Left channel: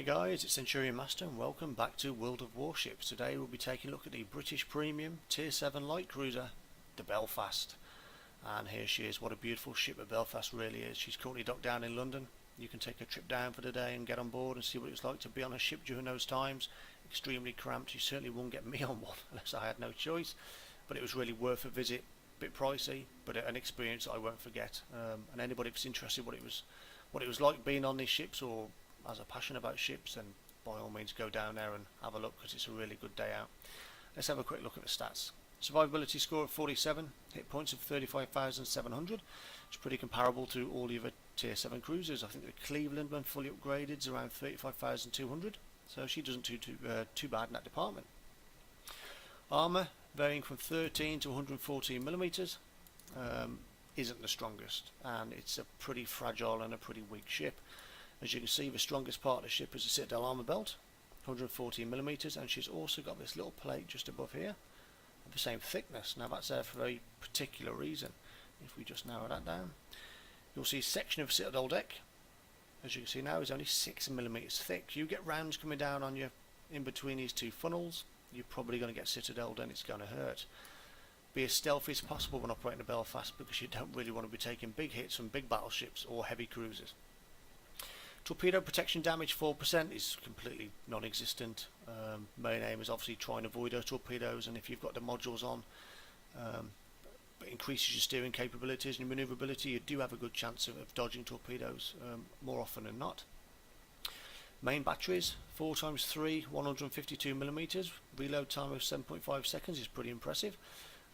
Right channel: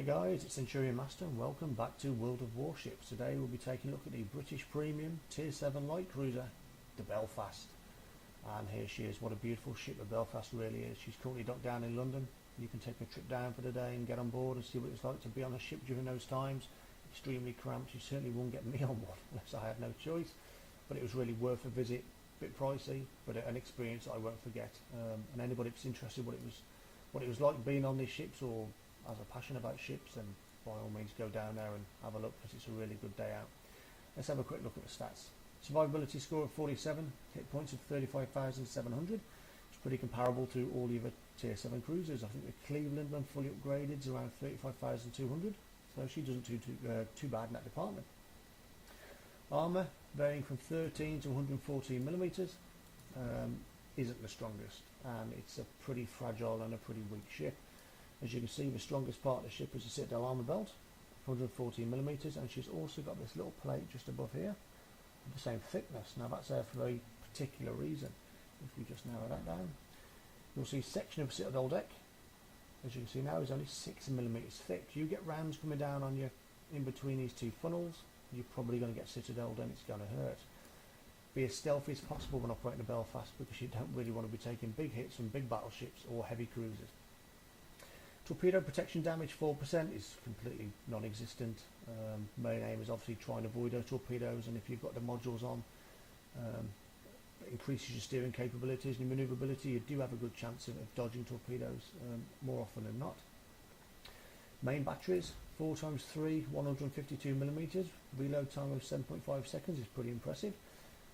Hey guys, it's Centurion Master and welcome back to World of Warships. Today we'll be taking a look at the British Premium Tier 7 light cruiser, the Belfast. And here she is. What a beautiful ship the Belfast really is. She's currently docked down in London. You can take a trip down for the day and get on board and see what it's like to be on a ship during those times. Extremely cramped. You certainly won't get me on one unless I had no choice. But it was really worth a visit. Bit pricey, but an experience I won't forget. And anybody that's interested what it was like being on these ships, or has a passion about ships, then by all means go down there and have a look, because it's a really good day out. Let's have a quick look at the stats. Survivability score of 47, hit points of 35,700. It's pretty comparable to all the other tier 7 cruisers. I think the Cleveland, when fully upgraded, is around 35,200, so she doesn't do too bad in that department. Armour varying from 13 to 114 millimeters, isn't the strongest, and it's a pretty fragile and a pretty weak ship. As you can see, the strongest part of the ship is the Citadel armour belt, 114 millimeters, and she's also got this little plate just above here of the same thickness. Now that's there for a very particular reason. If we just narrow that down, you'll see a section of Citadel deck, as you can see now, is only 6 millimeters thick. You get rounds coming down on you in between these two funnels, you're probably going to get Citadel, and it's going to hurt. Be as stealthy as possible when operating a Belfast, because you don't really want to be taking big hits from big battleships or heavy cruisers. Torpedo protection damage 4% is completely non-existent. Main aim is obviously try and avoid those torpedoes, and if you've got the modules on, it increases your steering capabilities and your manoeuvrability. You do have a good chance of dodging torpedoes more often than not. Main batteries 4x3 152 millimeters. Reload time of 7.5 seconds is pretty impressive,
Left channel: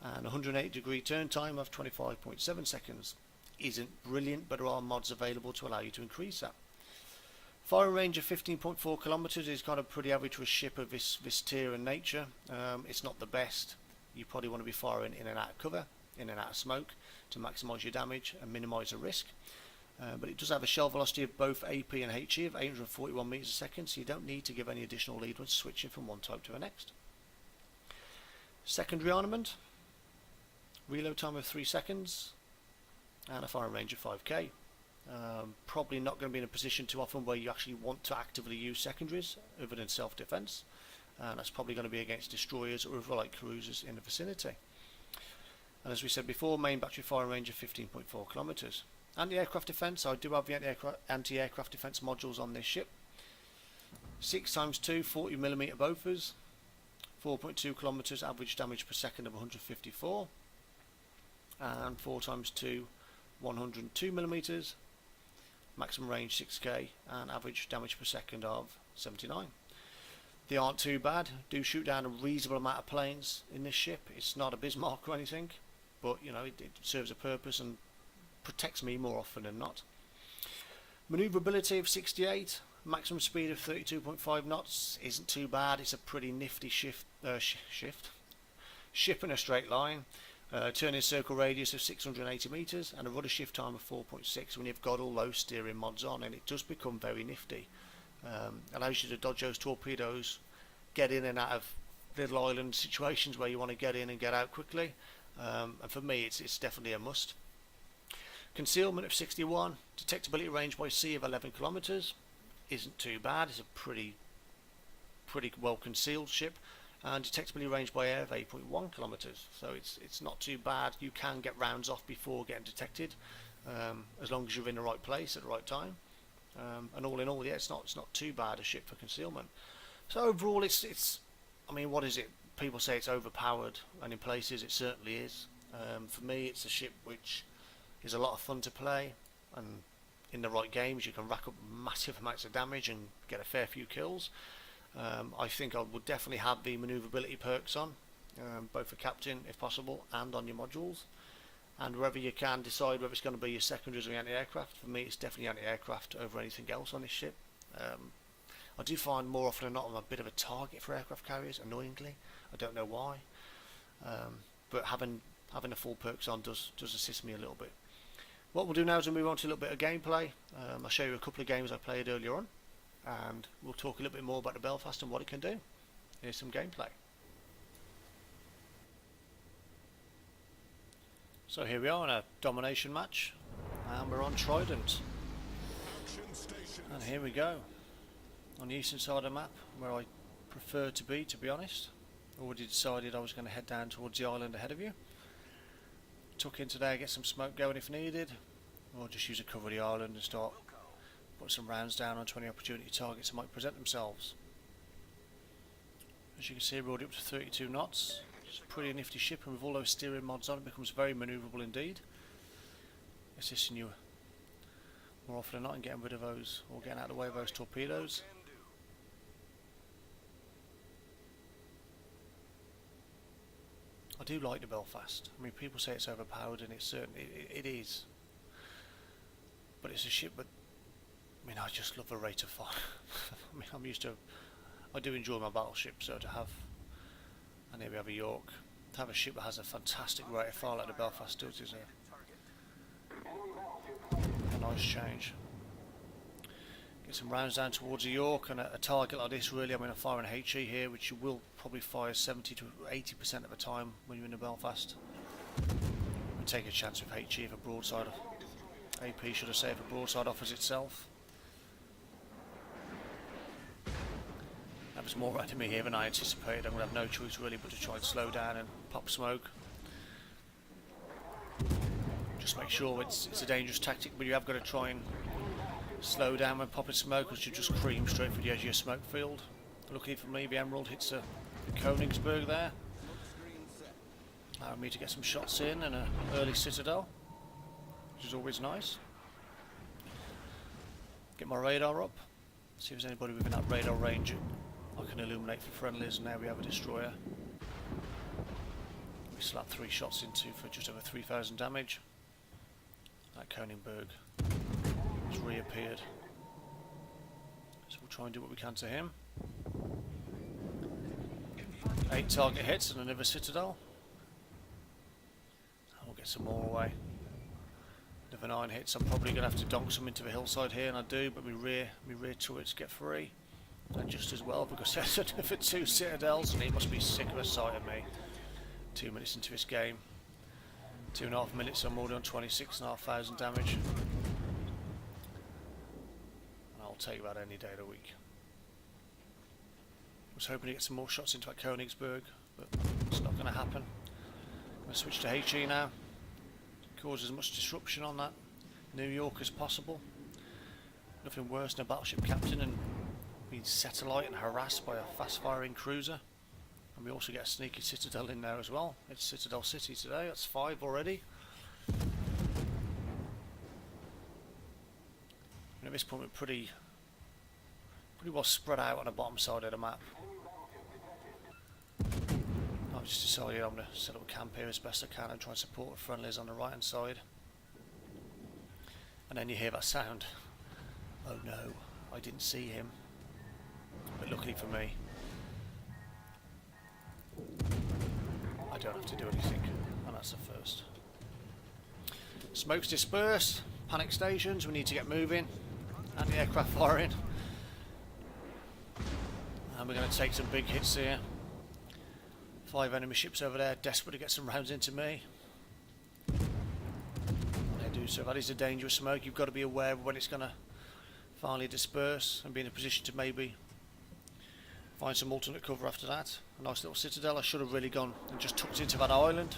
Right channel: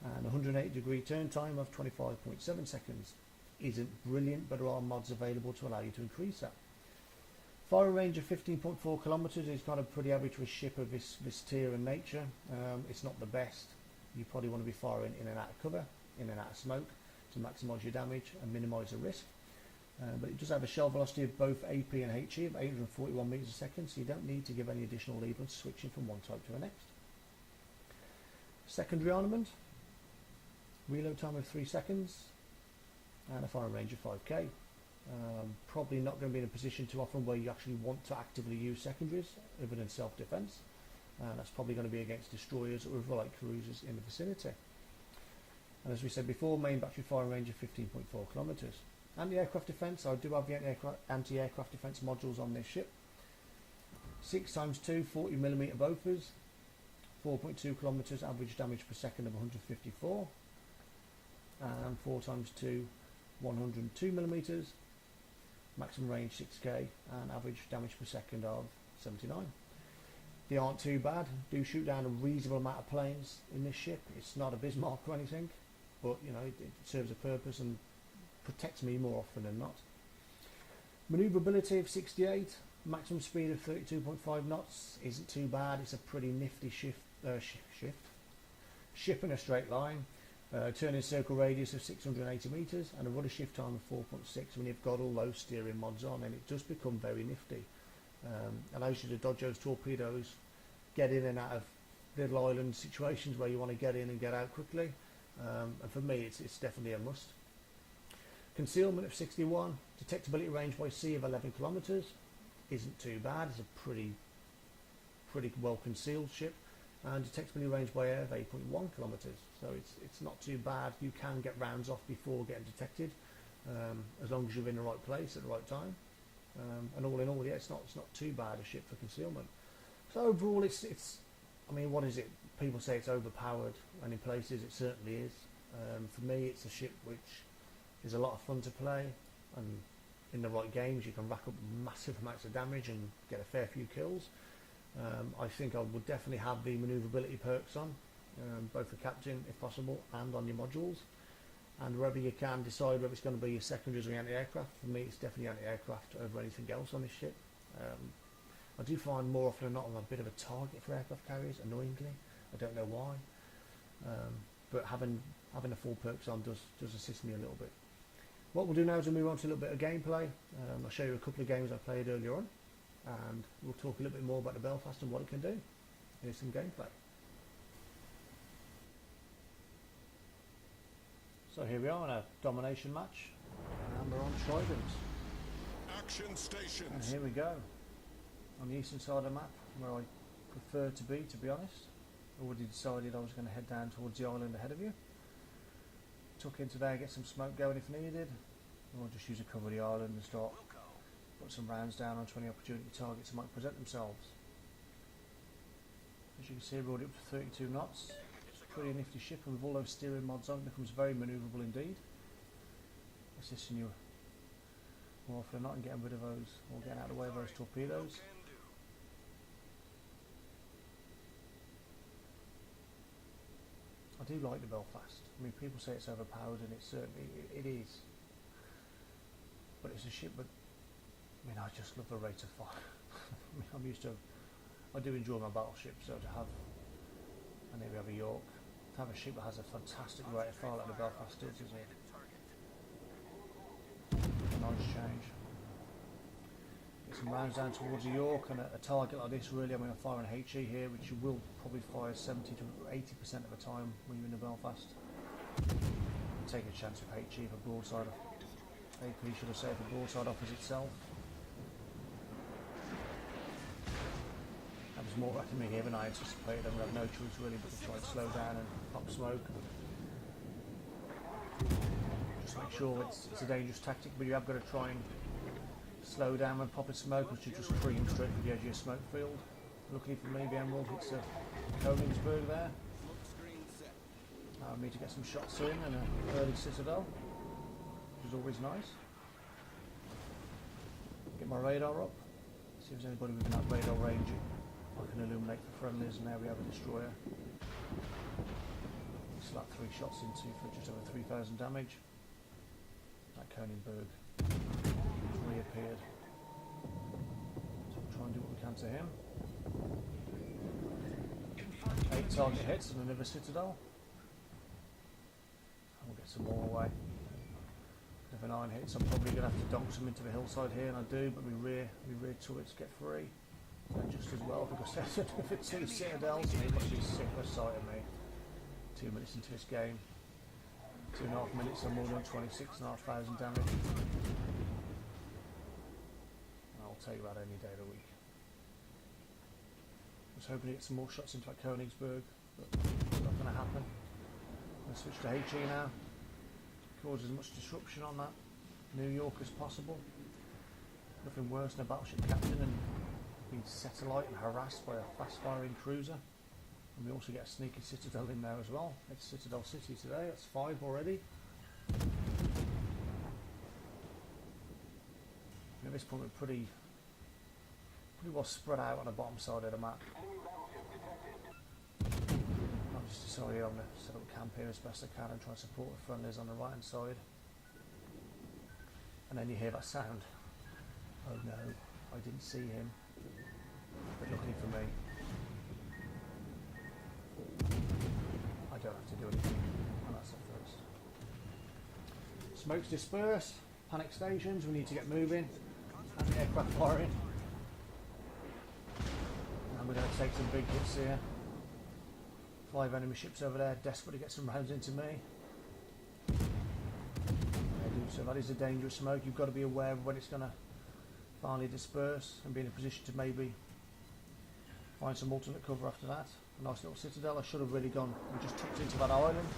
and 180-degree turn time of 25.7 seconds isn't brilliant, but there are mods available to allow you to increase that. Firing range of 15.4 kilometers is kind of pretty average for a ship of this tier and nature. It's not the best. You probably want to be firing in and out of cover, in and out of smoke, to maximise your damage and minimise the risk. But it does have a shell velocity of both AP and HE of 841 meters a second, so you don't need to give any additional lead when switching from one type to the next. Secondary armament, reload time of 3 seconds, and a firing range of 5k. Probably not going to be in a position too often where you actually want to actively use secondaries other than self-defense, and that's probably going to be against destroyers or other light cruisers in the vicinity. And as we said before, main battery firing range of 15.4 kilometers. Anti-aircraft defense, I do have the anti-aircraft defense modules on this ship. 6x2 40mm Bofors, 4.2 kilometers average damage per second of 154, and 4x2 102 millimeters, maximum range 6k, and average damage per second of 79. They aren't too bad. Do shoot down a reasonable amount of planes in this ship. It's not a Bismarck or anything, but you know, it serves a purpose and protects me more often than not. Maneuverability of 68, maximum speed of 32.5 knots isn't too bad. It's a pretty nifty ship in a straight line. Turning circle radius of 680 meters, and a rudder shift time of 4.6 when you've got all those steering mods on, and it does become very nifty. Allows you to dodge those torpedoes, get in and out of little island situations where you want to get in and get out quickly, and for me it's definitely a must. Concealment of 61, detectability range by sea of 11 kilometers isn't too bad. It's a pretty well concealed ship. And detectability range by air of 8.1 kilometers, so it's not too bad. You can get rounds off before getting detected, as long as you're in the right place at the right time. And all in all, yeah, it's not too bad a ship for concealment. So overall, it's I mean, what is it? People say it's overpowered, and in places it certainly is. For me, it's a ship which is a lot of fun to play, and in the right games you can rack up massive amounts of damage and get a fair few kills. I think I would definitely have the manoeuvrability perks on, both for captain if possible and on your modules, and wherever you can decide whether it's going to be your secondaries or your anti-aircraft. For me it's definitely anti-aircraft over anything else on this ship. I do find more often than not I'm a bit of a target for aircraft carriers, annoyingly. I don't know why, but having the full perks on does assist me a little bit. What we'll do now is we'll move on to a little bit of gameplay. I'll show you a couple of games I played earlier on, and we'll talk a little bit more about the Belfast and what it can do. Here's some gameplay. So here we are in a domination match, and we're on Trident. And here we go. on the eastern side of the map, where I prefer to be honest. Already decided I was going to head down towards the island ahead of you. Tuck in today, get some smoke going if needed, or just use a cover of the island and start put some rounds down onto any opportunity targets that might present themselves. As you can see, we're already up to 32 knots. It's a pretty nifty ship, and with all those steering mods on, it becomes very manoeuvrable indeed, assisting you more often than not in getting rid of those, or getting out of the way of those torpedoes. I do like the Belfast. I mean, people say it's overpowered, and it's certainly it is. But it's a ship that, I mean, I just love the rate of fire. I mean, I'm used to, I do enjoy my battleship, so to have, and here we have a York, to have a ship that has a fantastic rate of fire like the Belfast does is a nice change. Get some rounds down towards the York, and a target like this, really, I mean, I'm firing HE here, which you will probably fire 70 to 80% of the time when you're in the Belfast. And take a chance with HE if a broadside, AP should have said, if a broadside offers itself. That was more right to me here than I anticipated. I'm going to have no choice really but to try and slow down and pop smoke. Just make sure it's a dangerous tactic, but you have got to try and slow down when popping smoke, because you just cream straight for the edge of your smoke field. Luckily for me, the Emerald hits a Königsberg there, allowing me to get some shots in and an early citadel, which is always nice. Get my radar up, see if there's anybody within that radar range I can illuminate for friendlies, and now we have a destroyer. We slapped 3 shots into for just over 3,000 damage. That Königsberg has reappeared, so we'll try and do what we can to him. 8 target hits and another citadel. And we'll get some more away. Another 9 hits. I'm probably going to have to donk some into the hillside here, and I do, but my rear turrets get free. And just as well, because there's another 2 citadels, and he must be sick of the sight of me. 2 minutes into this game. 2.5 minutes, I'm more than 26,500 damage. And I'll take that any day of the week. I was hoping to get some more shots into that Königsberg, but it's not going to happen. I'm going to switch to HE now. Cause as much disruption on that New York as possible. Nothing worse than a battleship captain and being satellite and harassed by a fast firing cruiser. And we also get a sneaky citadel in there as well. It's Citadel City today, that's 5 already. And at this point we're pretty well spread out on the bottom side of the map. I've just decided I'm going to set up a camp here as best I can and try and support the friendlies on the right hand side. And then you hear that sound. Oh no, I didn't see him. But luckily for me, I don't have to do anything, and that's the first. Smoke's dispersed, panic stations, we need to get moving, and the aircraft firing. And we're going to take some big hits here. 5 enemy ships over there, desperate to get some rounds into me. I do so. That is a dangerous smoke. You've got to be aware of when it's going to finally disperse and be in a position to maybe find some alternate cover after that. A nice little citadel. I should have really gone and just tucked into that island.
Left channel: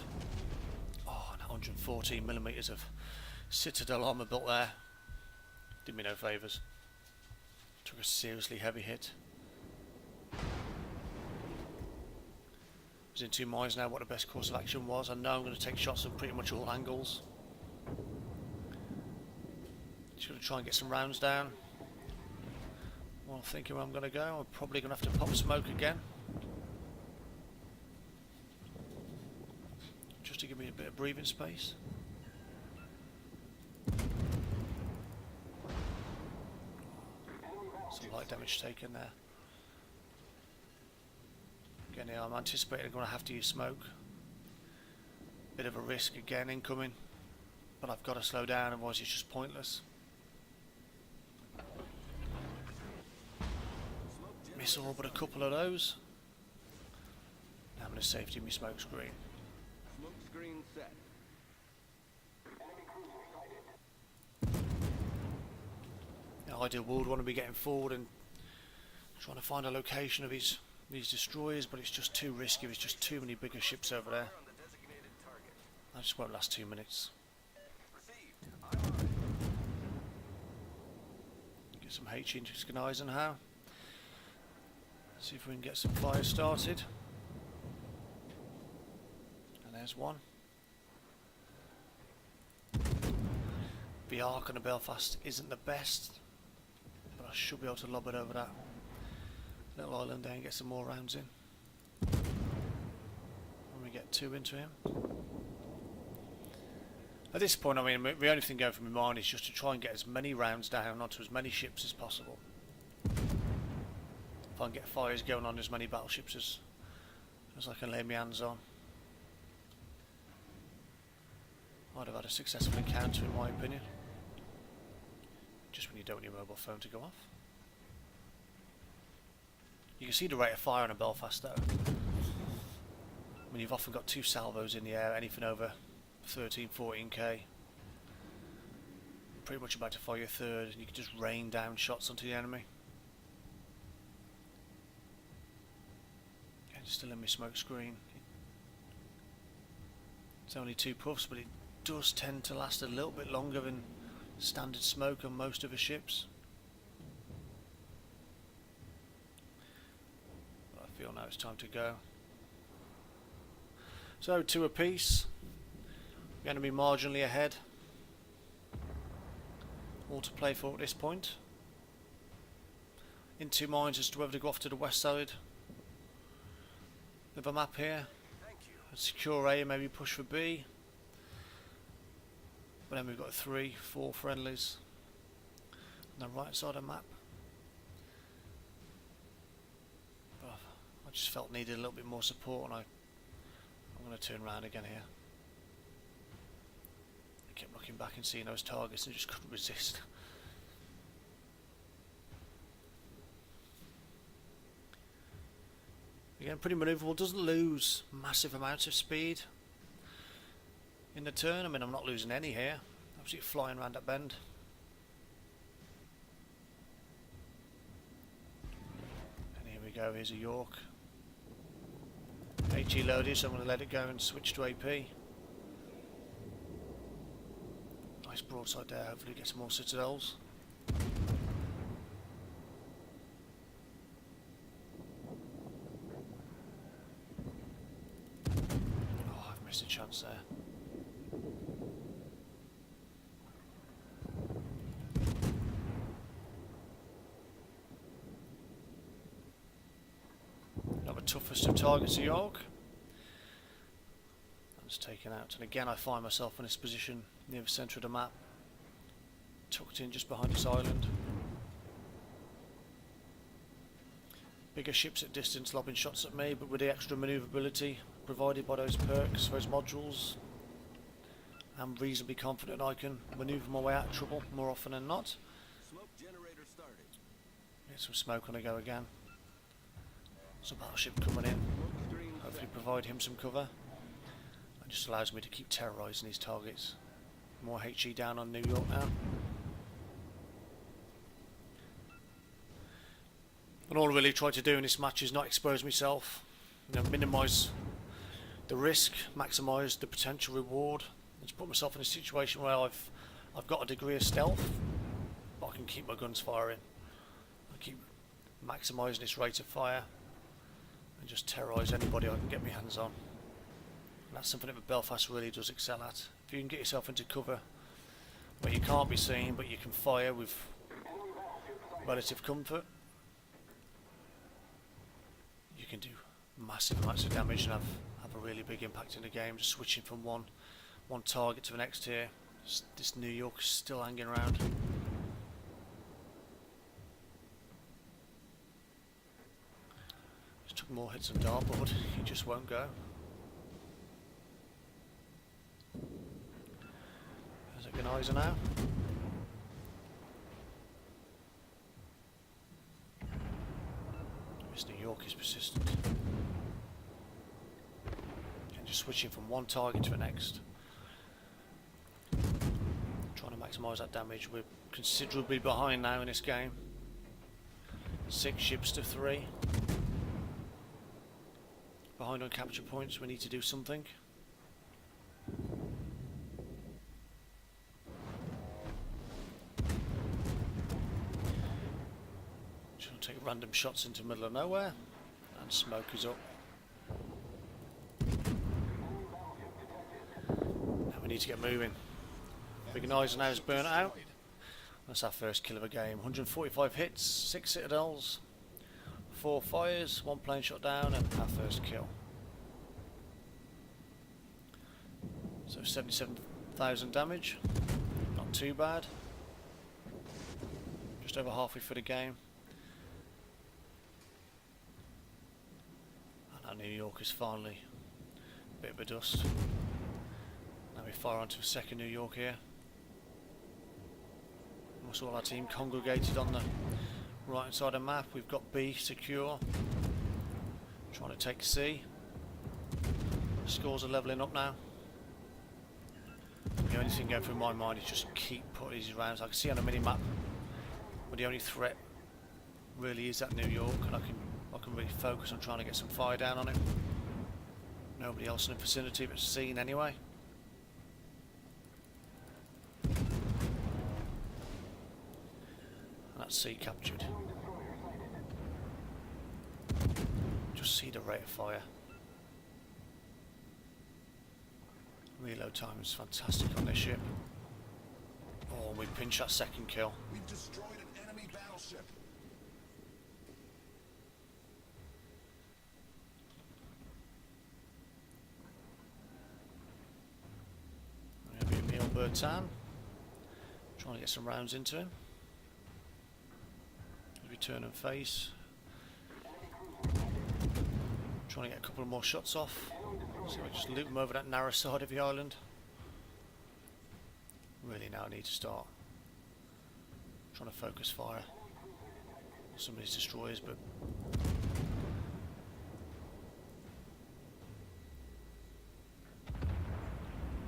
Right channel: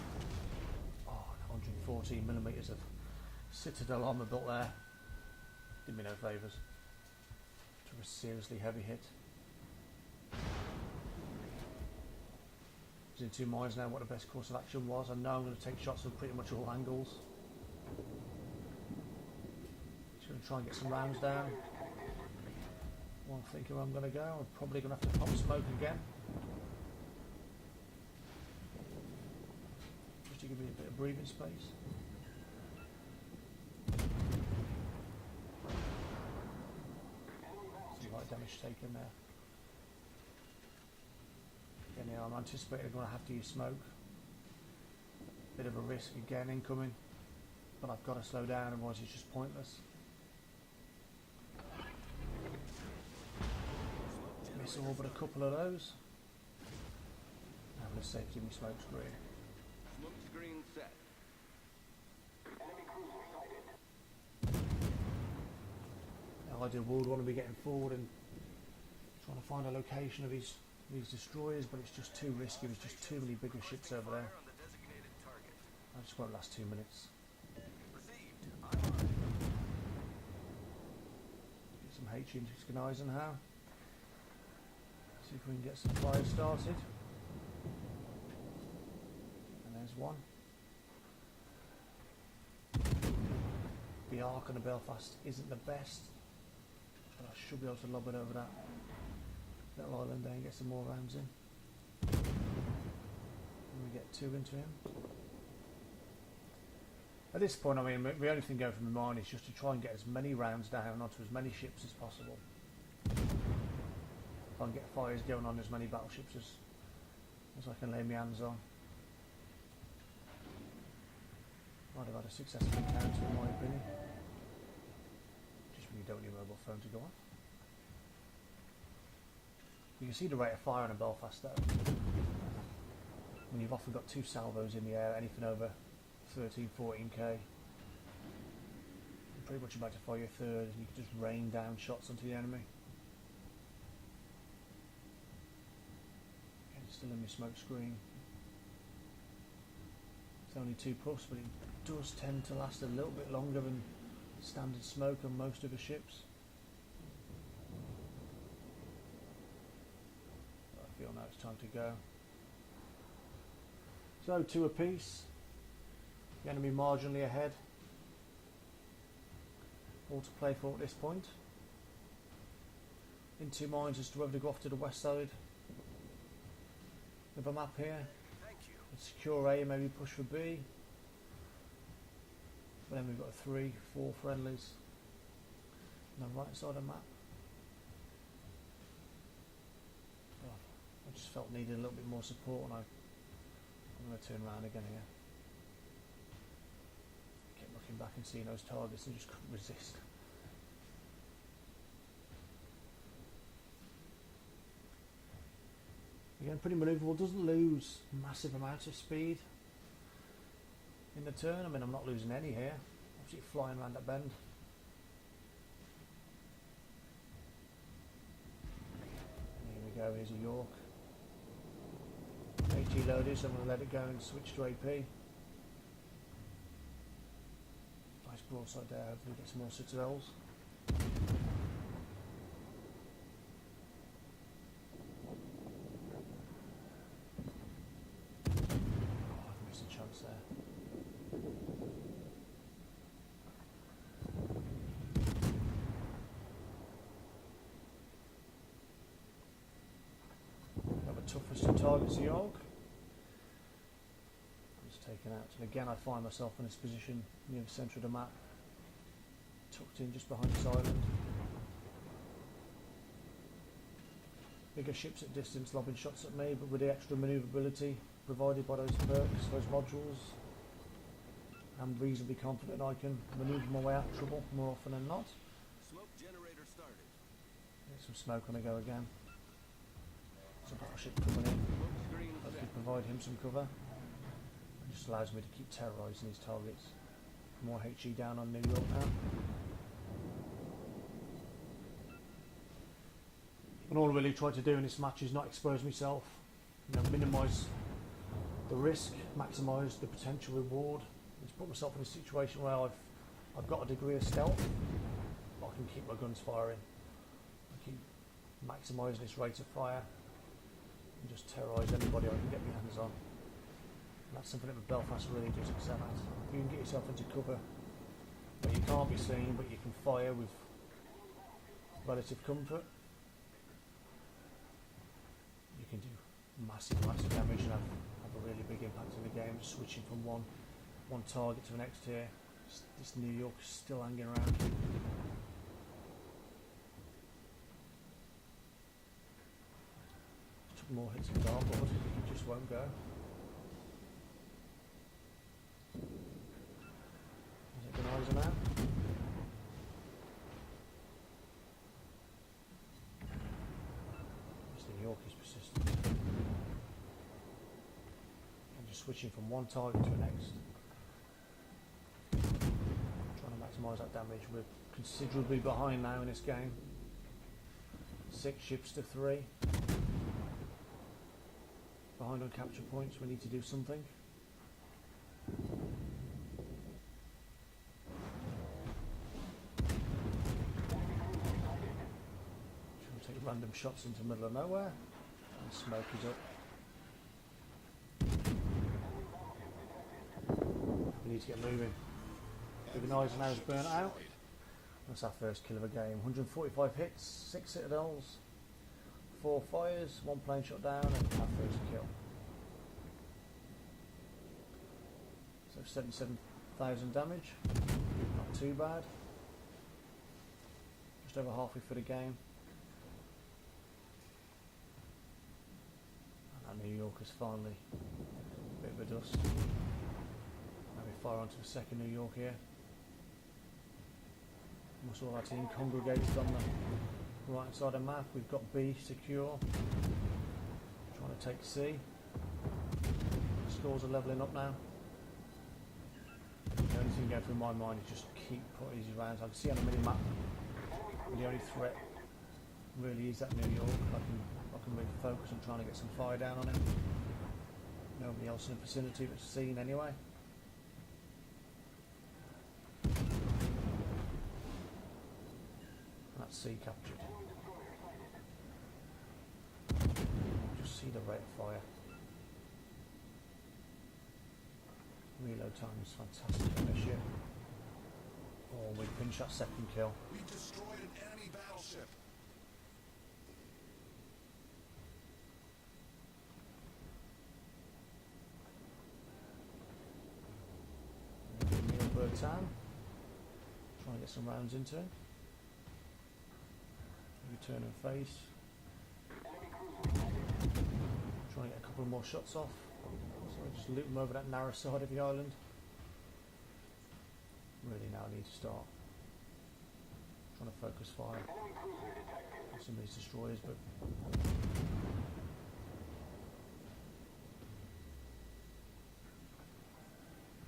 Oh, 114mm of citadel armour built there. Did me no favours. Took a seriously heavy hit. In 2 minds now what the best course of action was. I know I'm going to take shots on pretty much all angles. Just going to try and get some rounds down. Well, thinking where I'm going to go, I'm probably going to have to pop smoke again, just to give me a bit of breathing space. Some light damage taken there. Again, I'm anticipating I'm going to have to use smoke. Bit of a risk again incoming, but I've got to slow down, otherwise it's just pointless. Miss all but a couple of those. Now I'm going to safety my smoke screen. Smoke screen set. Now, ideal would want to be getting forward and Trying to find a location of these destroyers, but it's just too risky. There's just too many bigger ships over there. I just won't last 2 minutes. Get some HE into Eisenhower. See if we can get some fires started. And there's one. The arc on the Belfast isn't the best, but I should be able to lob it over that little island there and get some more rounds in. And we get 2 into him. At this point, I mean, the only thing going through my mind is just to try and get as many rounds down onto as many ships as possible. If I can get fires going on as many battleships as I can lay my hands on. I'd have had a successful encounter, in my opinion. Just when you don't want your mobile phone to go off. You can see the rate of fire on a Belfast though. When you've often got 2 salvos in the air, anything over 13, 14k. You're pretty much about to fire your third, and you can just rain down shots onto the enemy. Yeah, it's still in my smoke screen. It's only 2 puffs, but it does tend to last a little bit longer than standard smoke on most of the ships. But I feel now it's time to go. So 2 apiece. We're going to be marginally ahead. All to play for at this point. In 2 minds as to whether to go off to the west side of a map here. Secure A and maybe push for B. But then we've got 3, 4 friendlies on the right side of the map. Oh, I just felt needed a little bit more support, and I'm going to turn around again here. I kept looking back and seeing those targets and just couldn't resist. Again, pretty manoeuvrable, doesn't lose massive amounts of speed in the turn. I mean, I'm not losing any here. Absolutely flying around that bend. And here we go, here's a York. HE loaded, so I'm going to let it go and switch to AP. Nice broadside there, hopefully get some more citadels. A chance there. Not the toughest of targets of York. I'm just taken out, and again I find myself in this position near the centre of the map, tucked in just behind this island. Bigger ships at distance lobbing shots at me, but with the extra manoeuvrability provided by those perks, those modules, I'm reasonably confident I can manoeuvre my way out of trouble more often than not. Smoke generator started. Get some smoke on the go again. Some battleship coming in. Hopefully provide him some cover. It just allows me to keep terrorising these targets. More HE down on New York now. And all I really try to do in this match is not expose myself, minimise the risk, maximise the potential reward. Just put myself in a situation where I've got a degree of stealth, but I can keep my guns firing. I keep maximising this rate of fire and just terrorise anybody I can get my hands on. And that's something that Belfast really does excel at. If you can get yourself into cover where you can't be seen, but you can fire with relative comfort, you can do massive amounts of damage and have a really big impact in the game. Just switching from one target to the next here. This New York is still hanging around. Just took more hits of dartboard, he just won't go. There's a Gunnizer now. This New York is persistent. And just switching from one target to the next. Trying to maximise that damage. We're considerably behind now in this game. 6 ships to 3. Behind on capture points, we need to do something. Just gonna take random shots into the middle of nowhere, and smoke is up. And we need to get moving. Big Eisenhower's burnt out. That's our first kill of the game. 145 hits, 6 citadels, 4 fires, 1 plane shot down, and our first kill. So 77,000 damage, not too bad. Just over halfway through the game. And our New York is finally a bit of a dust. Now we fire onto a second New York here. Almost all our team congregated on the right hand side of the map. We've got B secure. Trying to take C. Scores are levelling up now. The only thing going through my mind is just keep putting these rounds. I can see on the mini map, but the only threat really is that New York, and I can really focus on trying to get some fire down on it. Nobody else in the vicinity but seen anyway. C captured. Just see the rate of fire. Reload time is fantastic on this ship. Oh, we pinch that second kill. We've destroyed an enemy battleship. Neil Bertan. Trying to get some rounds into him. Return and face. Trying to get a couple more shots off. So we just loop them over that narrow side of the island. Really now I need to start trying to focus fire on some of these destroyers, but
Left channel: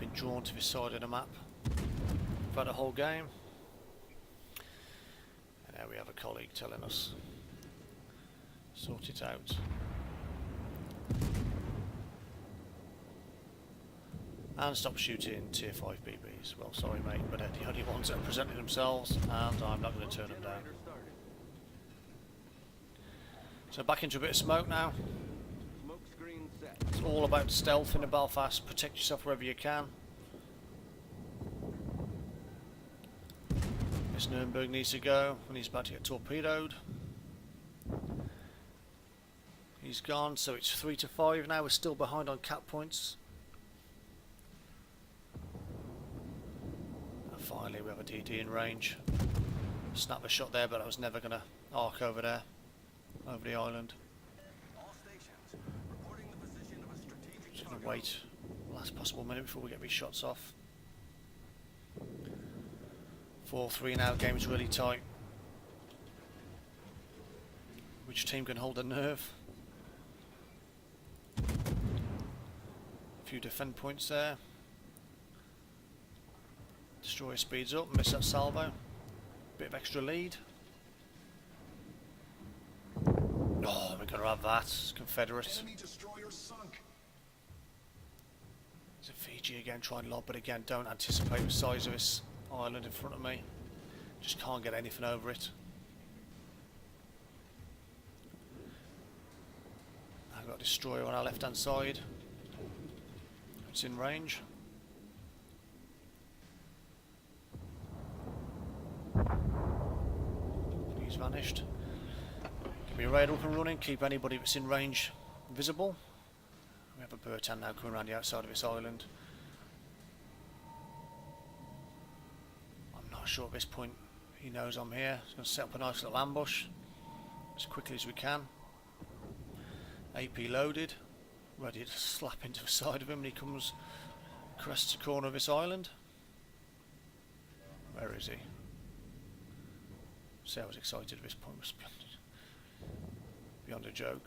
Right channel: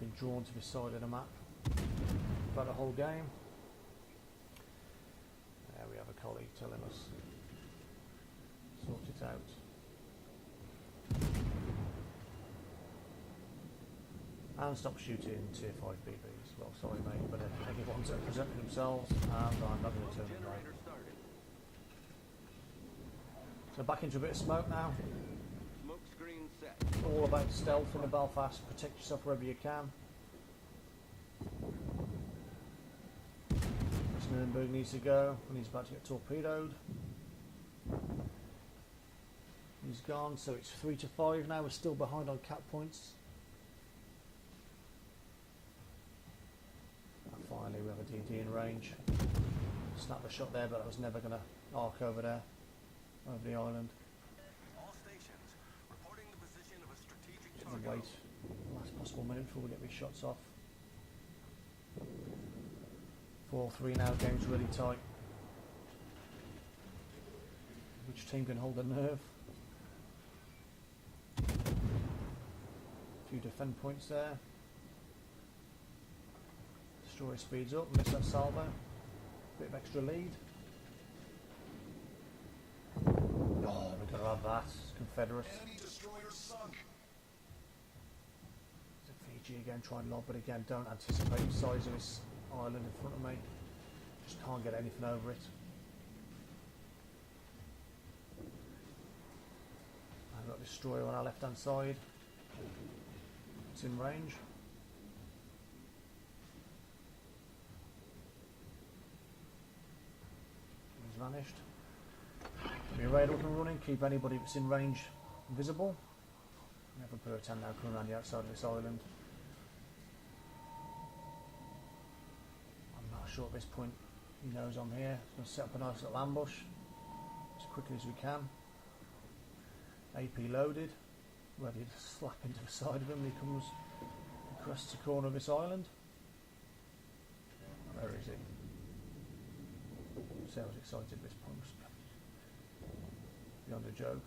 been drawn to this side of the map throughout the whole game. We have a colleague telling us sort it out. And stop shooting tier 5 BBs. Well, sorry mate, but they're the only ones that are presenting themselves, and I'm not going to turn them down. So back into a bit of smoke now. Smoke screen set. It's all about stealth in the Belfast. Protect yourself wherever you can. Nuremberg needs to go, and he's about to get torpedoed. He's gone, so it's 3 to 5 now. We're still behind on cap points. And finally, we have a DD in range. Snap a shot there, but I was never going to arc over there, over the island. All stations reporting the position of a strategic Just going to target. wait the last possible minute before we get these shots off. 4-3 now, game's really tight. Which team can hold a nerve? A few defend points there. Destroyer speeds up, miss that salvo. Bit of extra lead. Oh, we're going to have that. Confederate. Enemy destroyer sunk. It's a Fiji again, try and lob, but again, don't anticipate the size of this island in front of me. Just can't get anything over it. I've got a destroyer on our left hand side. It's in range. He's vanished. Get me radar up and running, keep anybody that's in range visible. We have a Bertan now coming around the outside of this island. I'm not sure at this point he knows I'm here. He's going to set up a nice little ambush as quickly as we can. AP loaded, ready to slap into the side of him, and he comes and crests the corner of this island. Where is he? See, I was excited at this point. Beyond a joke.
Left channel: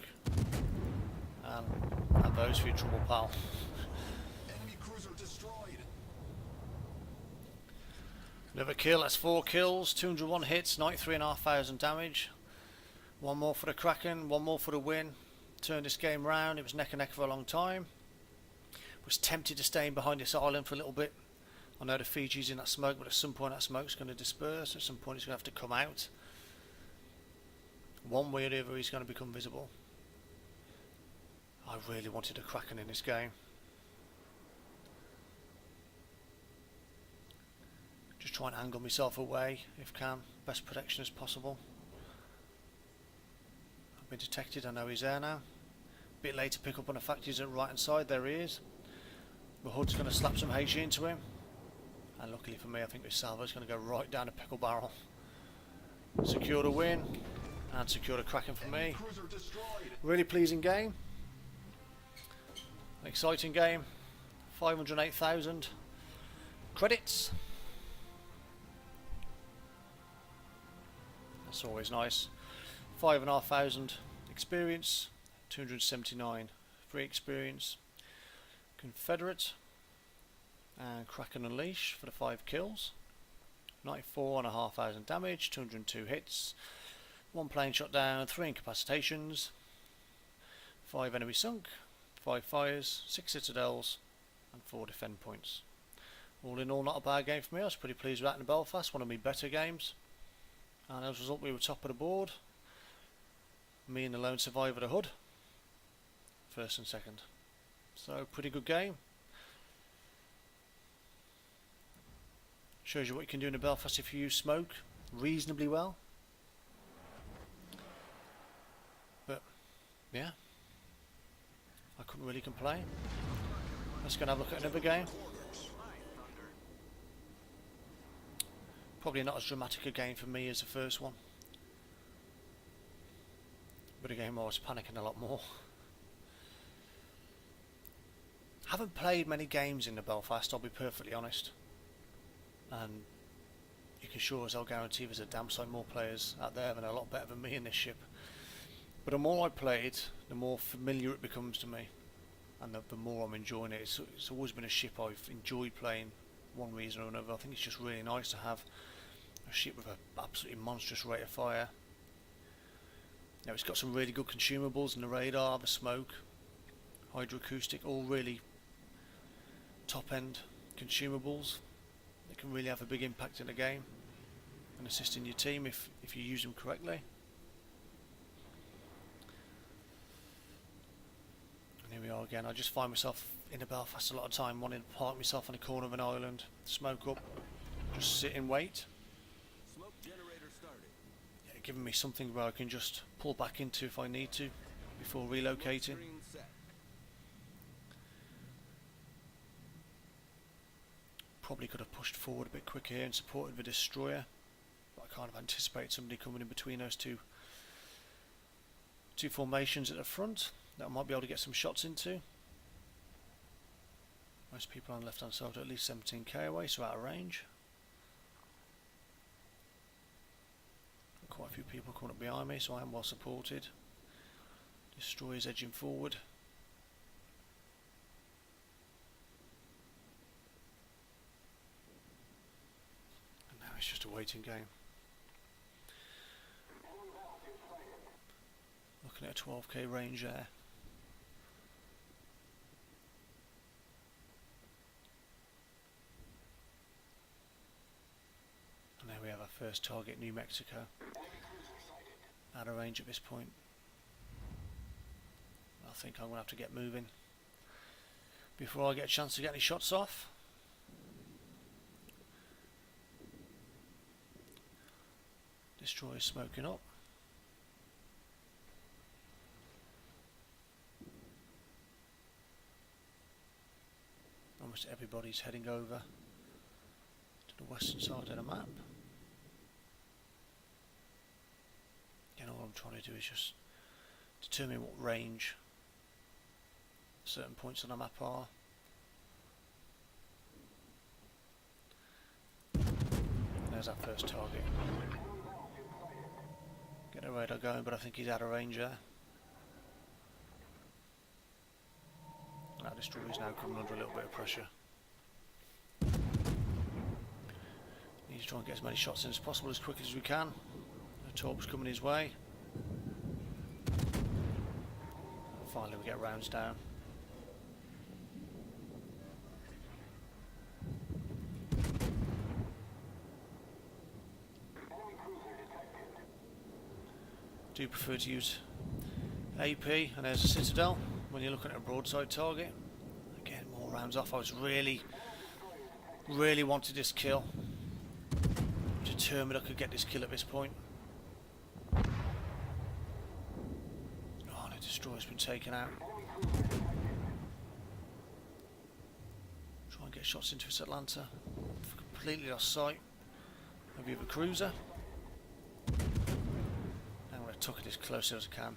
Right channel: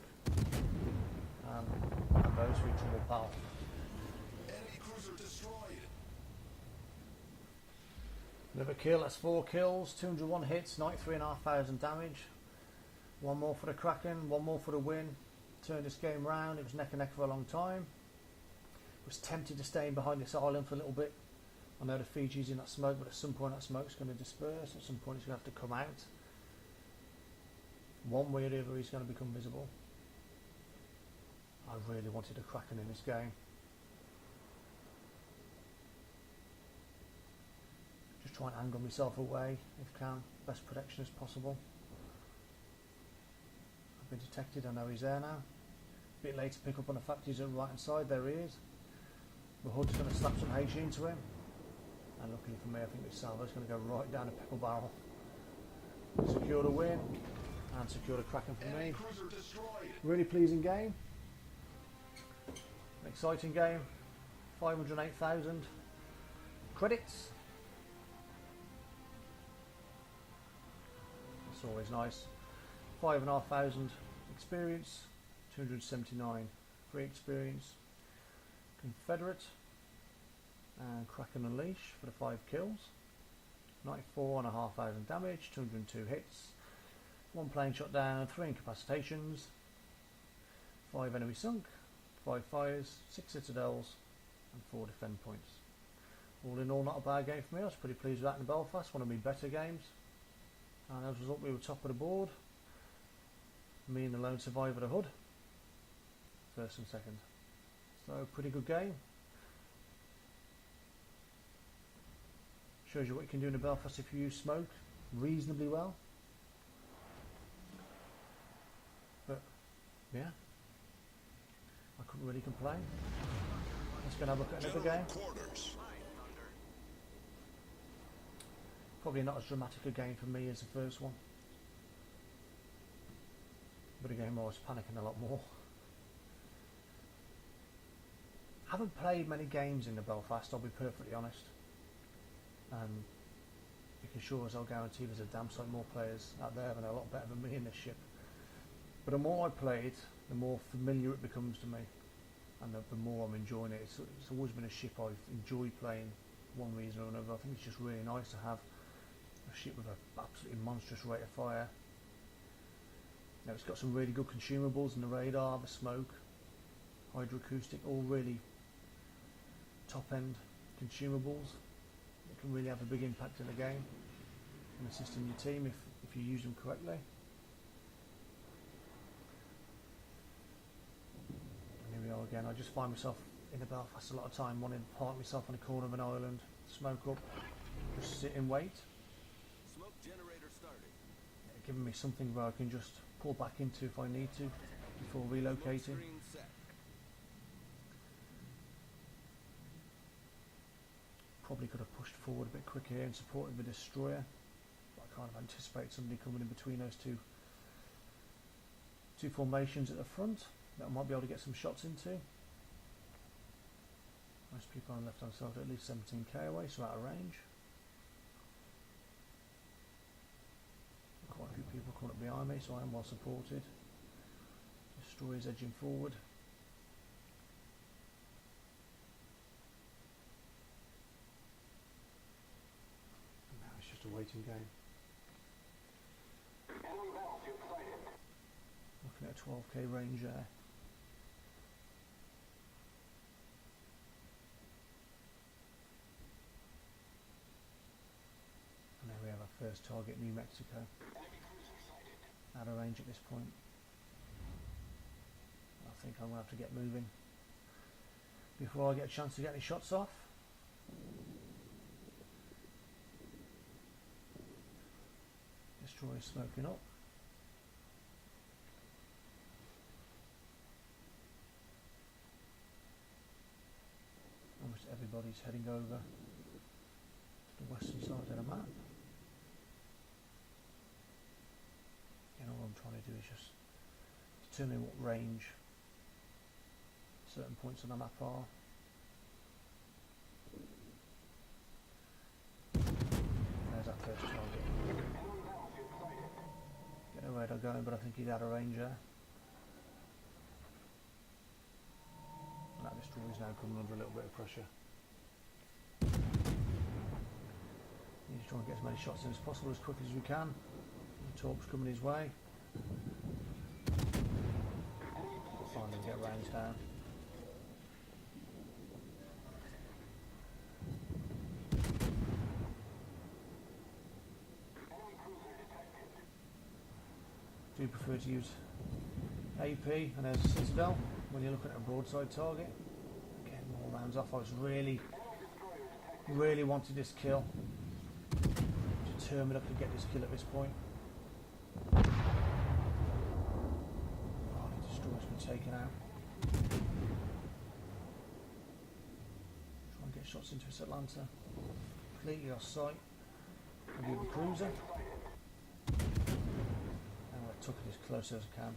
And those for your trouble, pal. Enemy cruiser destroyed. Another kill, that's 4 kills, 201 hits, 93,500 damage. One more for the Kraken, one more for the win. Turned this game round. It was neck and neck for a long time. Was tempted to stay in behind this island for a little bit. I know the Fiji's in that smoke, but at some point that smoke's going to disperse. At some point it's going to have to come out. One way or the other he's going to become visible. I really wanted a Kraken in this game. Just try and angle myself away if can. Best protection as possible. I've been detected, I know he's there now. Bit late to pick up on the fact he's at the right hand side, there he is. The hood's going to slap some HE into him. And luckily for me, I think this salvo's going to go right down the pickle barrel. Secure the win. And secure the Kraken for me. Cruiser destroyed. Really pleasing game. Exciting game. 508,000 credits. That's always nice. 5,500 experience. 279 free experience. Confederate. And Kraken Unleash for the 5 kills. 94,500 damage. 202 hits. 1 plane shot down. 3 incapacitations. 5 enemy sunk. 5 fires, 6 citadels, and 4 defend points. All in all, not a bad game for me. I was pretty pleased with that in Belfast, one of my better games. And as a result, we were top of the board. Me and the lone survivor of the hood, first and second. So, pretty good game. Shows you what you can do in Belfast if you use smoke reasonably well. But, yeah. I couldn't really complain. Let's go and have a look at another game. Probably not as dramatic a game for me as the first one. But a game I was panicking a lot more. Haven't played many games in the Belfast, I'll be perfectly honest. And you can sure as I'll guarantee there's a damn sight more players out there than a lot better than me in this ship. But the more I play it, the more familiar it becomes to me, and the more I'm enjoying it. It's always been a ship I've enjoyed playing, one reason or another. I think it's just really nice to have a ship with an absolutely monstrous rate of fire. Now it's got some really good consumables in the radar, the smoke, hydroacoustic, all really top end consumables that can really have a big impact in the game and assist in your team if you use them correctly. Here we are again. I just find myself in the Belfast a lot of time wanting to park myself on the corner of an island, smoke up, just sit and wait. Smoke generator starting. Yeah, giving me something where I can just pull back into if I need to before relocating. Screen set. Probably could have pushed forward a bit quicker here and supported the destroyer, but I kind of anticipate somebody coming in between those two formations at the front that I might be able to get some shots into. Most people on the left hand side are at least 17k away, so out of range. Quite a few people coming up behind me, so I am well supported. Destroyer's edging forward. And now it's just a waiting game. Looking at a 12k range there. And there we have our first target, New Mexico. Out of range at this point. I think I'm going to have to get moving before I get a chance to get any shots off. Destroyer smoking up. Almost everybody's heading over to the western side of the map. And all I'm trying to do is just determine what range certain points on the map are. There's our first target. Get a radar going, but I think he's out of range there. That destroyer is now coming under a little bit of pressure. Need to try and get as many shots in as possible as quick as we can. The torp's coming his way. Finally we get rounds down. Do prefer to use AP, and there's a Citadel when you're looking at a broadside target. Again, more rounds off. I was really wanted this kill. Determined I could get this kill at this point. Oh, the destroyer's been taken out. Try and get shots into this Atlanta. Completely lost sight of the cruiser. Tuck it as close as I can.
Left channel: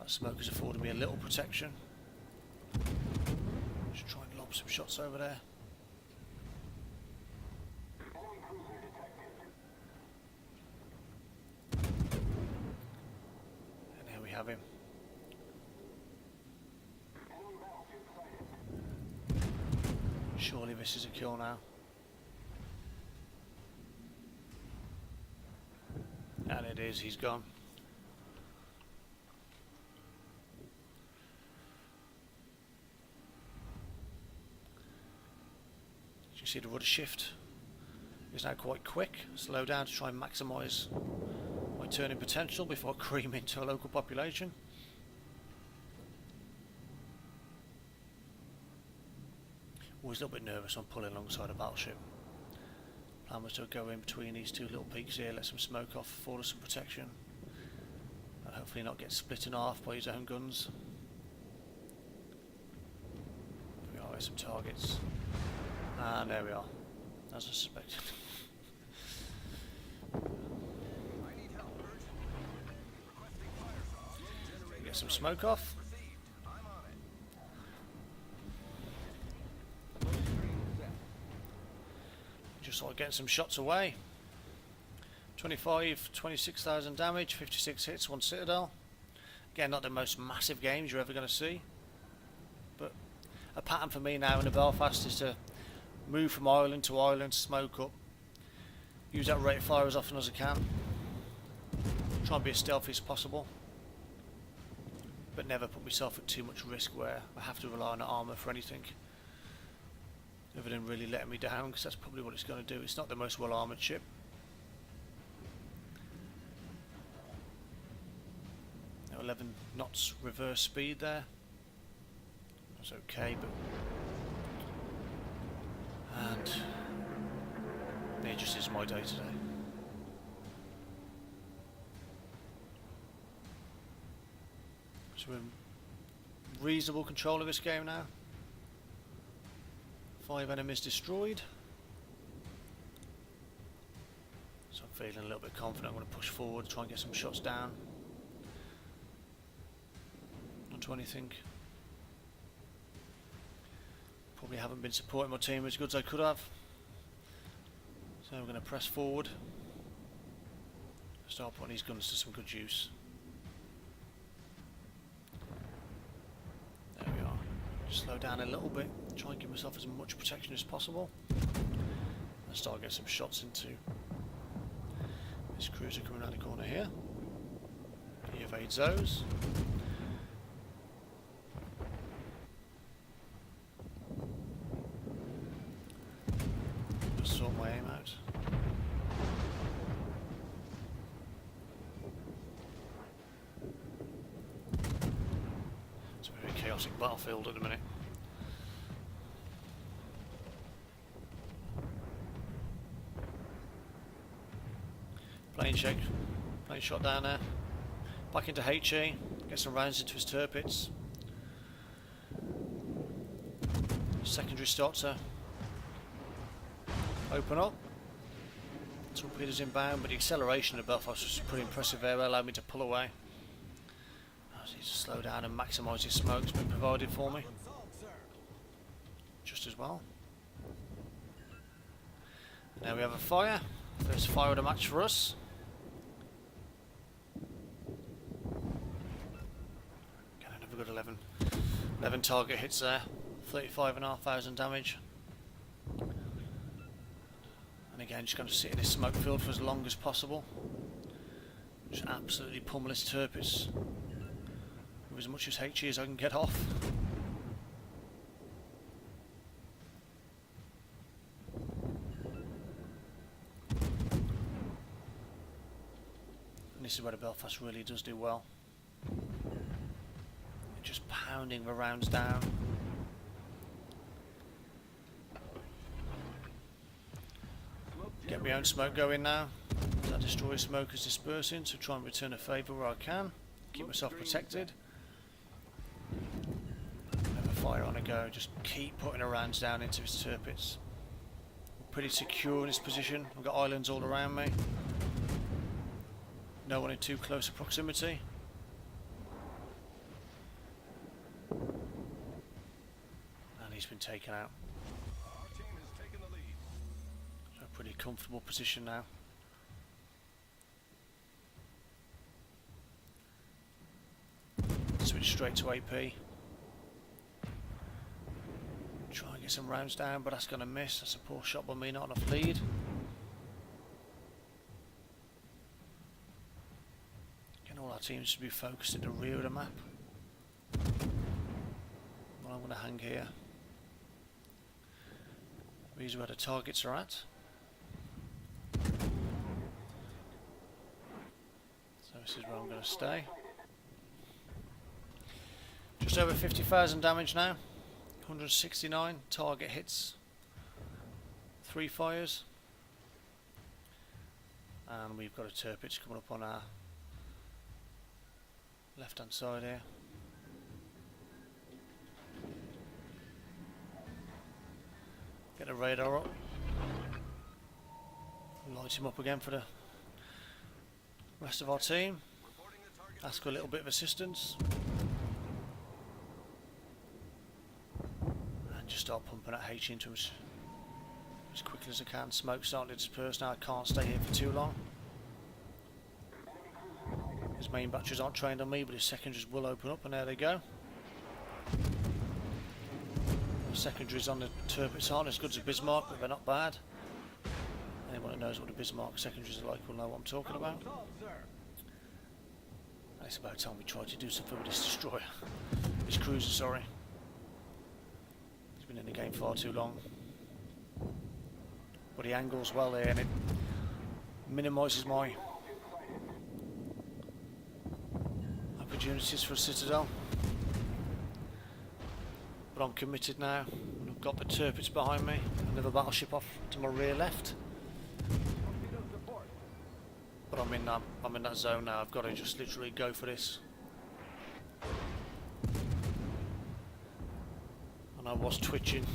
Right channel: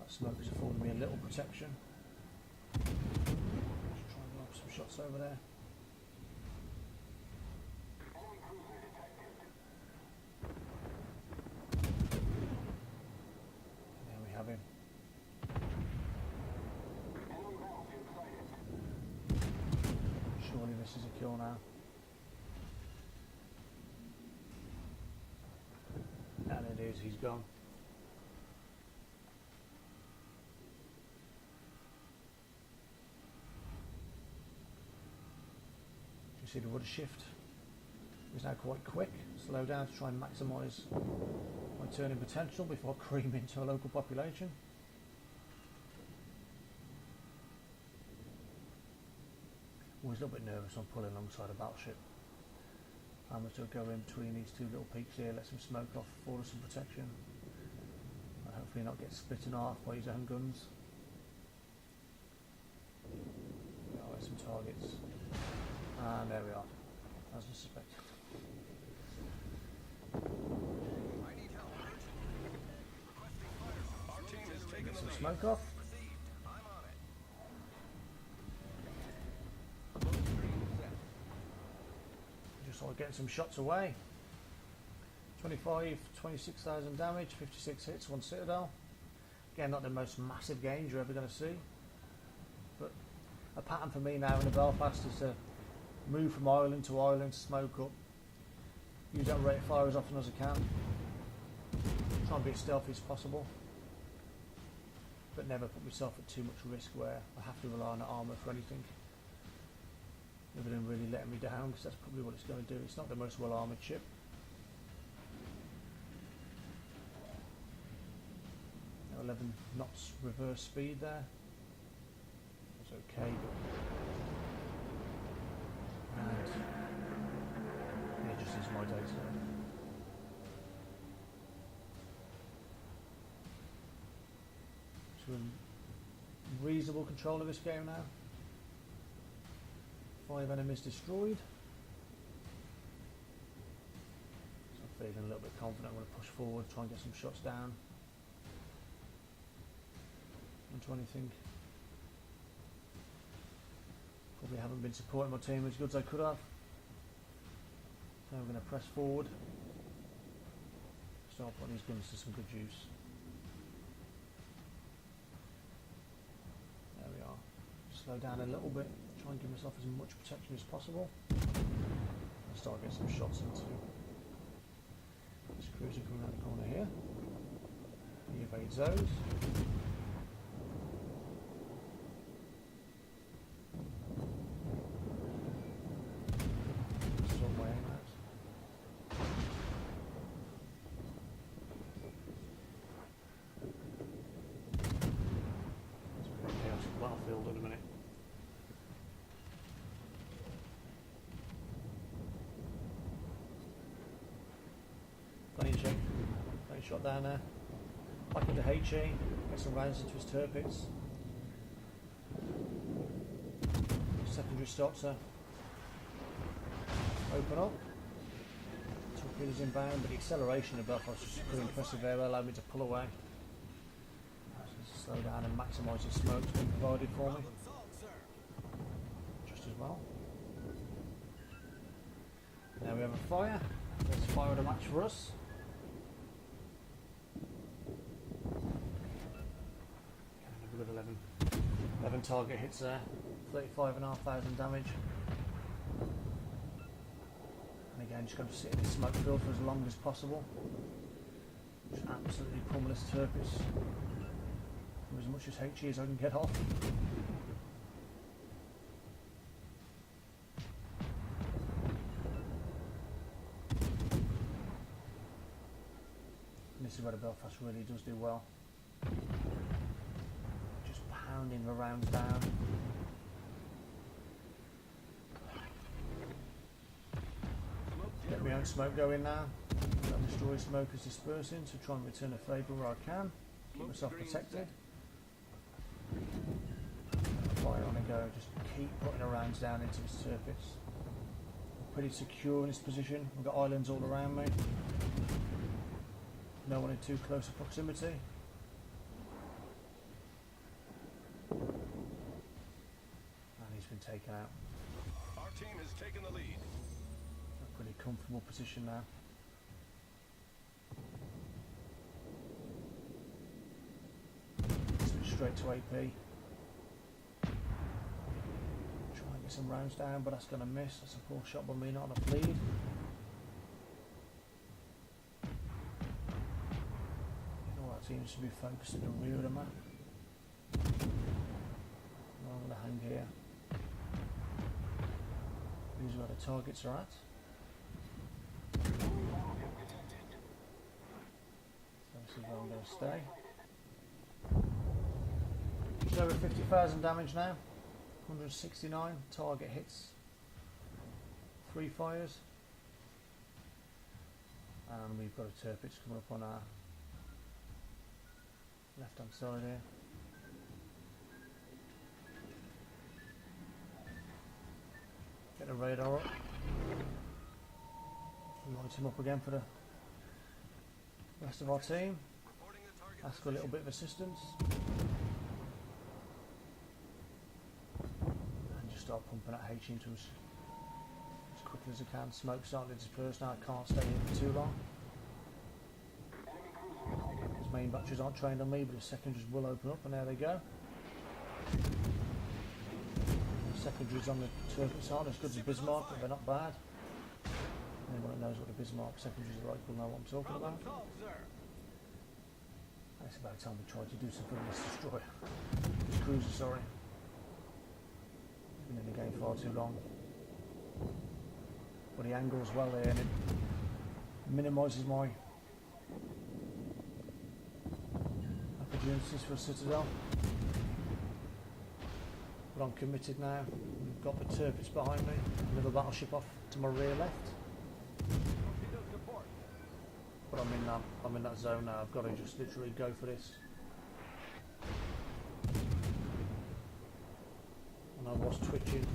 That smoke has afforded me a little protection. Just try and lob some shots over there. And here we have him. Surely misses a kill now. And it is, he's gone. As you see, the rudder shift is now quite quick. Slow down to try and maximise my turning potential before I cream into a local population. Always a little bit nervous on pulling alongside a battleship. Plan was to go in between these two little peaks here, let some smoke off, afford us some protection, and hopefully not get split in half by his own guns. There we are, some targets, and there we are, as I suspected. I need help urgently. Requesting fire support. Get some smoke off. Received. I'm on it. Smoke screen set. Just sort of getting some shots away. 26,000 damage, 56 hits, 1 Citadel. Again, not the most massive games you're ever going to see, but a pattern for me now in the Belfast is to move from island to island, smoke up, use that rate of fire as often as I can, try and be as stealthy as possible, but never put myself at too much risk where I have to rely on armour for anything. Other than really letting me down, because that's probably what it's going to do. It's not the most well armoured ship. Now 11 knots reverse speed there. That's okay, but and it just is my day today. So we're in reasonable control of this game now. 5 enemies destroyed. So I'm feeling a little bit confident. I'm going to push forward, try and get some shots down onto anything. Probably haven't been supporting my team as good as I could have. So I'm going to press forward. Start putting these guns to some good use. There we are. Slow down a little bit. Try and give myself as much protection as possible. And start getting some shots into this cruiser coming around the corner here. He evades those. Sort my aim out. It's a very chaotic battlefield at the minute. Plane check, plane shot down there. Back into HE, get some rounds into his turrets. Secondary starts to open up. Torpedoes inbound, but the acceleration of Belfast was pretty impressive there. Allowed me to pull away. I just need to slow down and maximise his smoke that's been provided for me. Just as well. Now we have a fire. First fire of the match for us. Another good 11 target hits there. 35,500 damage. And again, just going to sit in this smoke field for as long as possible. Just absolutely pummel his turrets. as much as HE as I can get off. And this is where the Belfast really does do well. Just pounding the rounds down. Get my own smoke going now. That destroyer smoke is dispersing, so try and return a favour where I can. Keep myself protected. Fire on a go, just keep putting the rounds down into his turpits. I'm pretty secure in this position. I've got islands all around me. No one in too close a proximity. And he's been taken out. Our team has taken the lead. A pretty comfortable position now. Switch straight to AP. Try and get some rounds down, but that's going to miss. That's a poor shot by me, not enough lead. Getting all our teams to be focused in the rear of the map. Well, I'm going to hang here. These are where the targets are at. So this is where I'm going to stay. Just over 50,000 damage now. 169 target hits. 3 fires. And we've got a turpitch coming up on our left hand side here. Get the radar up. Light him up again for the rest of our team. Ask for a little bit of assistance. And just start pumping that H into him as quickly as I can. Smoke's starting to disperse now. I can't stay here for too long. His main batteries aren't trained on me, but his secondaries will open up, and there they go. Secondaries on the turpits aren't as good as the Bismarck, but they're not bad. Anyone who knows what the Bismarck secondaries are like will know what I'm talking about. And it's about time we try to do something with this destroyer. This cruiser, sorry. It's been in the game far too long. But he angles well there, and it minimises my opportunities for a citadel. But I'm committed now. We've got the turpits behind me. Another battleship off to my rear left. But I'm in that zone now. I've got to just literally go for this. And I was twitching.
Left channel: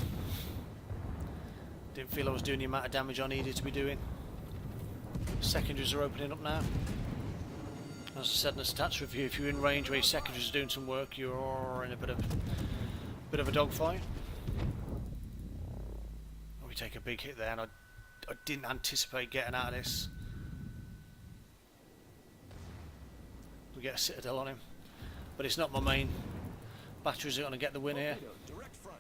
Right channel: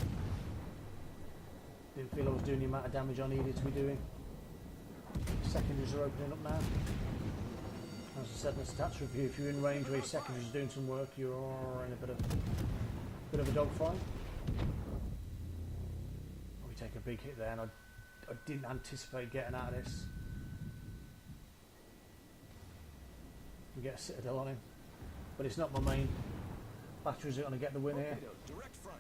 Didn't feel I was doing the amount of damage I needed to be doing. Secondaries are opening up now. As I said in the stats review, if you're in range where your secondaries are doing some work, you're in a bit of a dogfight. We take a big hit there, and I didn't anticipate getting out of this. We get a citadel on him, but it's not my main batteries that are going to get the win here.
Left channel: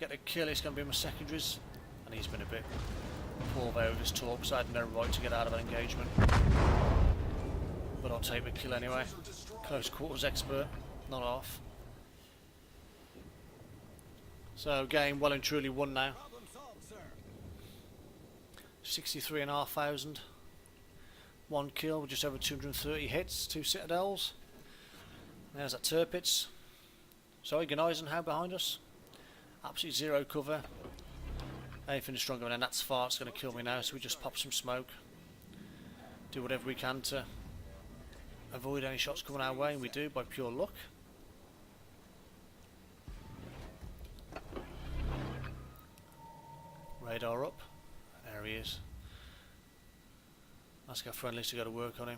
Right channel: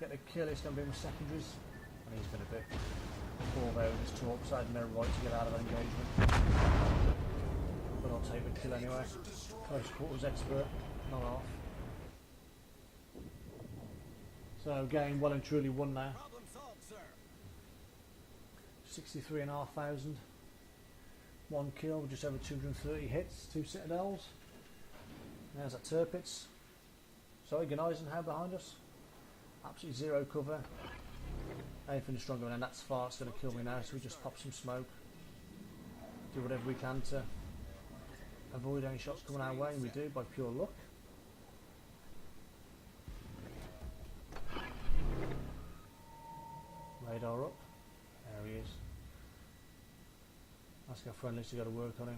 Get the kill, it's going to be my secondaries, and he's been a bit poor there with his torps. I had no right to get out of that engagement, but I'll take the kill anyway. Close quarters expert, not off. So game well and truly won now. 63,500. 1 kill with just over 230 hits, 2 citadels. There's that turpits. Sorry, Eisenhower behind us. Absolutely zero cover. Anything stronger than that's far, it's going to kill me now, so we just pop some smoke. Do whatever we can to avoid any shots coming our way, and we do by pure luck. Radar up. There he is. Ask our friendlies to go to work on him.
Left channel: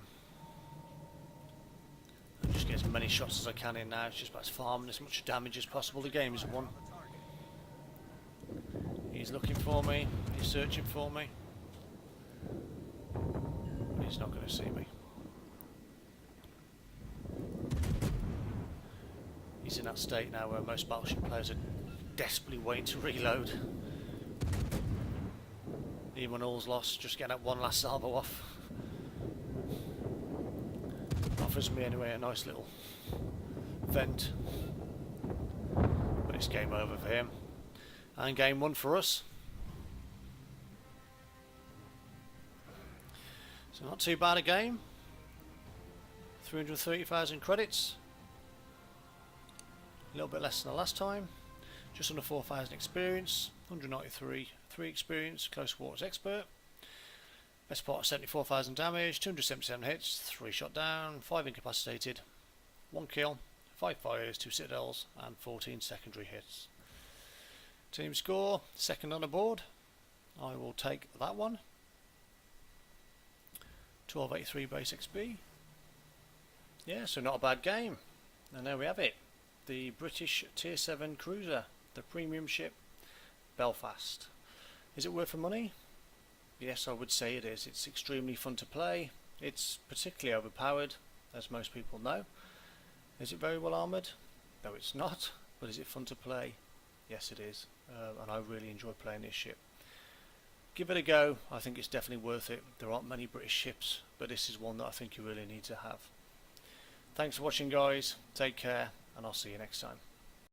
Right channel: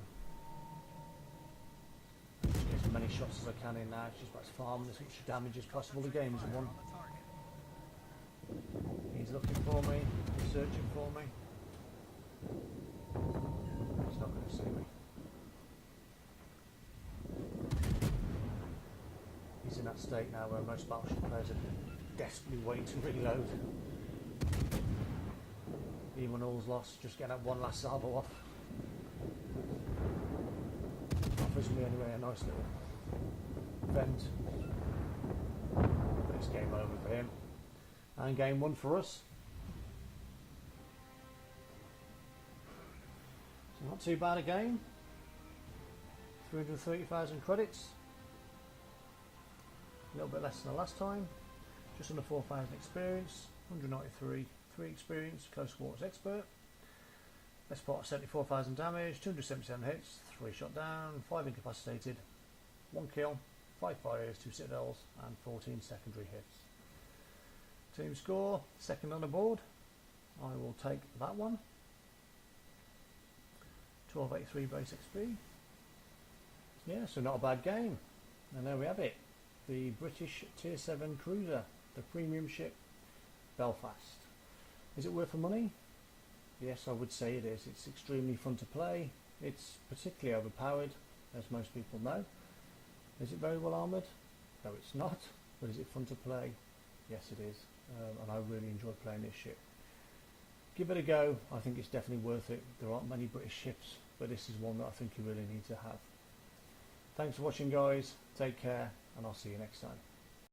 Just get as many shots as I can in now. It's just about farming as much damage as possible. The game is won. He's looking for me. He's searching for me. He's not going to see me. He's in that state now where most battleship players are desperately waiting to reload. Even when all's lost, just getting that one last salvo off. Offers me anyway a nice little vent. it's game over for him. And game 1 for us. So not too bad a game. 330,000 credits. A little bit less than the last time. Just under 4,000 experience. 193 3 experience. Close quarters expert. Best part 74,000 damage. 277 hits. 3 shot down. 5 incapacitated. 1 kill. 5 fires. 2 citadels. And 14 secondary hits. Team score. Second on the board. I will take that one. 1283 base XP. Yeah, so not a bad game. And there we have it. The British Tier 7 cruiser, the premium ship Belfast. Is it worth the money? Yes, I would say it is. It's extremely fun to play. It's particularly overpowered, as most people know. Is it very well armoured? No, it's not. But is it fun to play? Yes, it is. And I really enjoy playing this ship. Give it a go. I think it's definitely worth it. There aren't many British ships, but this is one that I think you really need to have. Thanks for watching, guys. Take care, and I'll see you next time.